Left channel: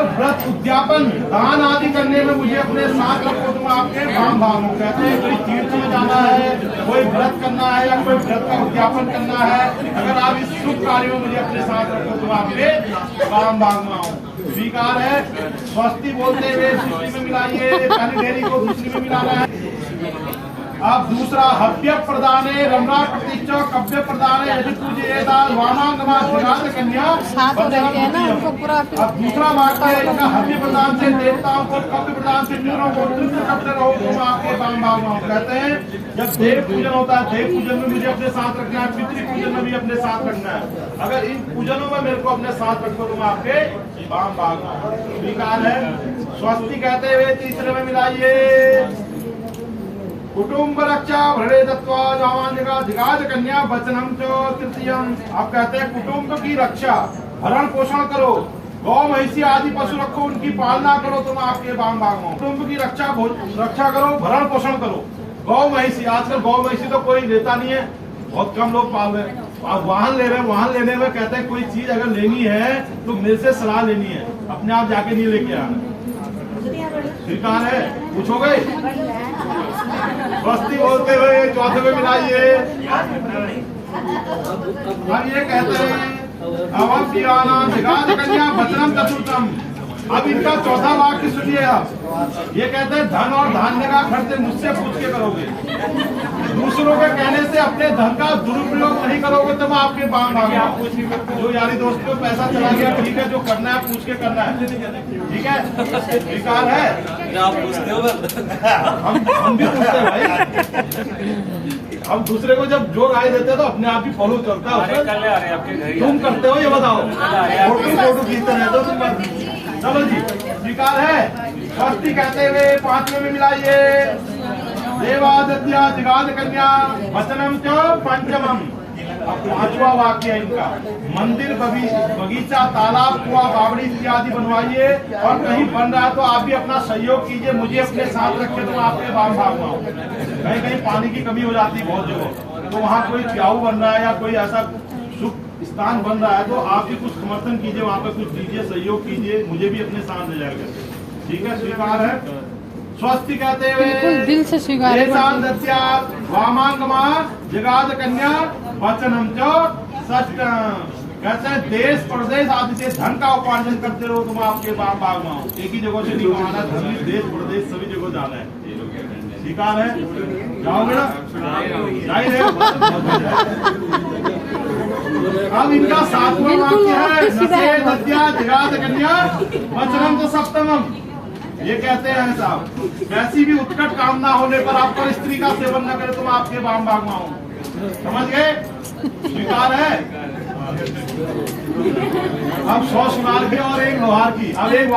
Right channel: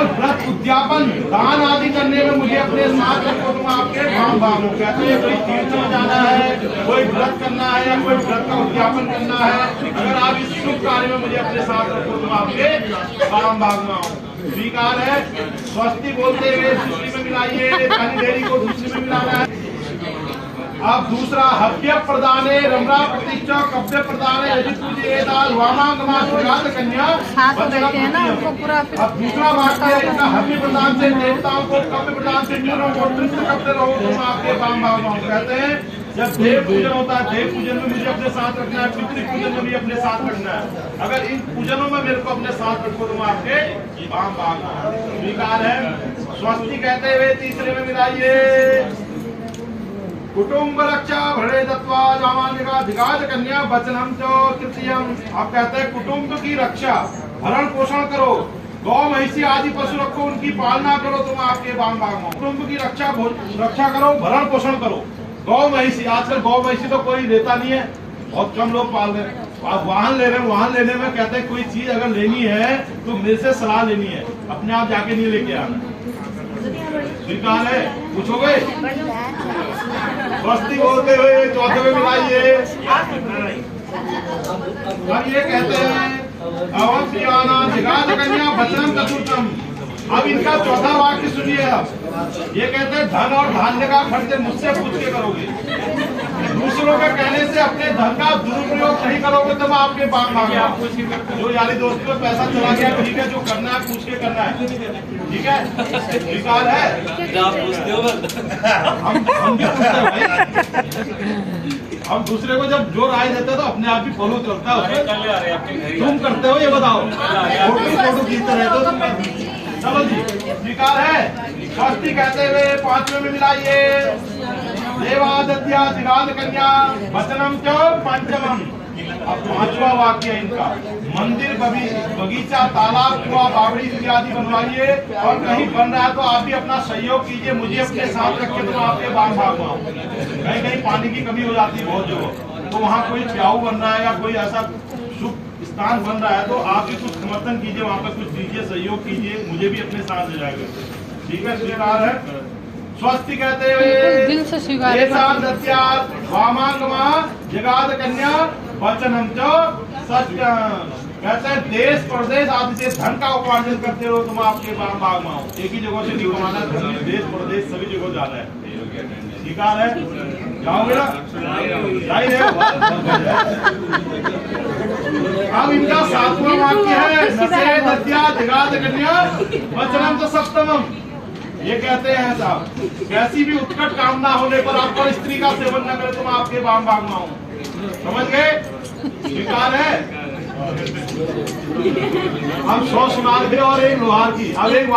और व्रत उद्यापन दान आदि करने में मुझे अपने साथ रखो। तुम आपके भाम भागो। कहते हैं कोई तीर्थ में जाना है, कोई व्रत करना है या कोई व्रत का उद्यापन करना है, अगर आप इस शुभ कार्य में मुझे अपने साथ रखो तुम आपके भाम भागना हो। स्वीकार है। स्वस्ति बोलते हुए दूसरी में मिलाइए, पहली ढेरी को दूसरी में मिलाना है। अब दूसरा हव्य प्रदाने रमरा प्रतीक्षा कव्य प्रदाने यदि पूजे दाल वामांगमा कन्या। अब दूसरा वाक्य इनका हव्य प्रदान से देवताओं को, कव्य प्रदान से पितरों को तृप्त करते रहो तुम आपके भाम भागना। कहते हैं जब देव पूजन होता है, देव पूजन में मुझे अपने साथ रखना है, पितृ पूजन में भी अपने साथ रखना है। अगर इन पूजनों में मेरे को अपने साथ रखो तुम आपके भाम भागना। स्वीकार है। स्वस्ति कहते हुए तीसरे में मिलाइए। कुटुंब रक्षा भरे दत्वा जिगाद कन्या वचनम चो तृतीयम। आप कहते हैं कुटुंब की रक्षा, भरण पोषण करो, गौ महिषी आदि पशु रखो, उनकी पालना करो तुम आपके भाम भागो। कुटुंब की रक्षा करो, भरण पोषण करो। गौ महिषी, आजकल गौ महिषी तो कोई लेता नहीं है, बहुत कम लोग पाल रहे हैं। आप वाहन ले रहे हैं, वाहन लेने में कहते हैं कोई चीज अगर लेनी है तो मेरे से सलाह लेनी है, अपने आप जाके नहीं लेके आना। स्वीकार है। पूछोगे स्वस्ति बोलते हुए चौथे में मिलाइए। अब ये कहते हैं अवम पियाना जिगाद कन्या वचनम चतुर्थम। अब इनका चौथा वाक्य सुनिए। अब ये कहते हैं धन और धान्य का खर्च मुझसे पूछ के करोगे, दूसरों के कहने से अपने धन का दुरुपयोग नहीं करोगे तो मैं आपके भाम भागना। जो यारी दोस्त को पैसा चला गया ठीक है, जो करना है पूछ के करना है, ठीक है। स्वीकार है। हम भी पूछते हैं भाई। हम दूसरे को जब जो राय देते हैं तो अपने आप ही फॉलो चलता है। तुम करते हो ये बताओ, फोटो खींचते रहते हो तुम। चलो जी, स्वीकार है। स्वस्ति कहते हुए पांचवें में मिलाइए। देवादित्या जिगाद कन्या वचनम च पंचमम। अब पांचवा वाक्य इनका मंदिर, बगीचा, तालाब, कुआं, बावड़ी इत्यादि बनवाइए और कहीं बन रहा है तो आप भी अपना सहयोग कीजिए, मुझे अपने साथ रखे तो आपके भाम भागना। कहीं कहीं पानी की कमी हो जाती है बहुत जगह, तो वहाँ कोई प्याऊ बन रहा है या कोई ऐसा शुभ स्थान बन रहा है तो आप भी कुछ समर्थन कीजिए, वहाँ पे कुछ दीजिए, सहयोग कीजिए, मुझे भी अपने साथ ले जाएगा। ठीक है। स्वीकार है। स्वस्ति कहते हुए दिल से स्वीकार। वामांगमा जगाद कन्या वचनम च सत्यम। कहते हैं देश प्रदेश आदि से धन का उपार्जन करते रहो तुम आपके भाम भागना। एक ही जगह से नहीं कमाना, धन भी देश प्रदेश सभी जगह जाना है। स्वीकार है। जाओगे ना? जाहिर है। अब इनका सातवां वाक्य है नशे दत्या जिगाद कन्या वचनम च सप्तमम। ये कहते हैं साहब कैसी भी उत्कट कामना होने पर आप पर स्त्री का सेवन न करें तुम आपके भाम भागना हो। समझ गए? स्वीकार है। अब 100 सुनार की और एक लोहार की। अब एक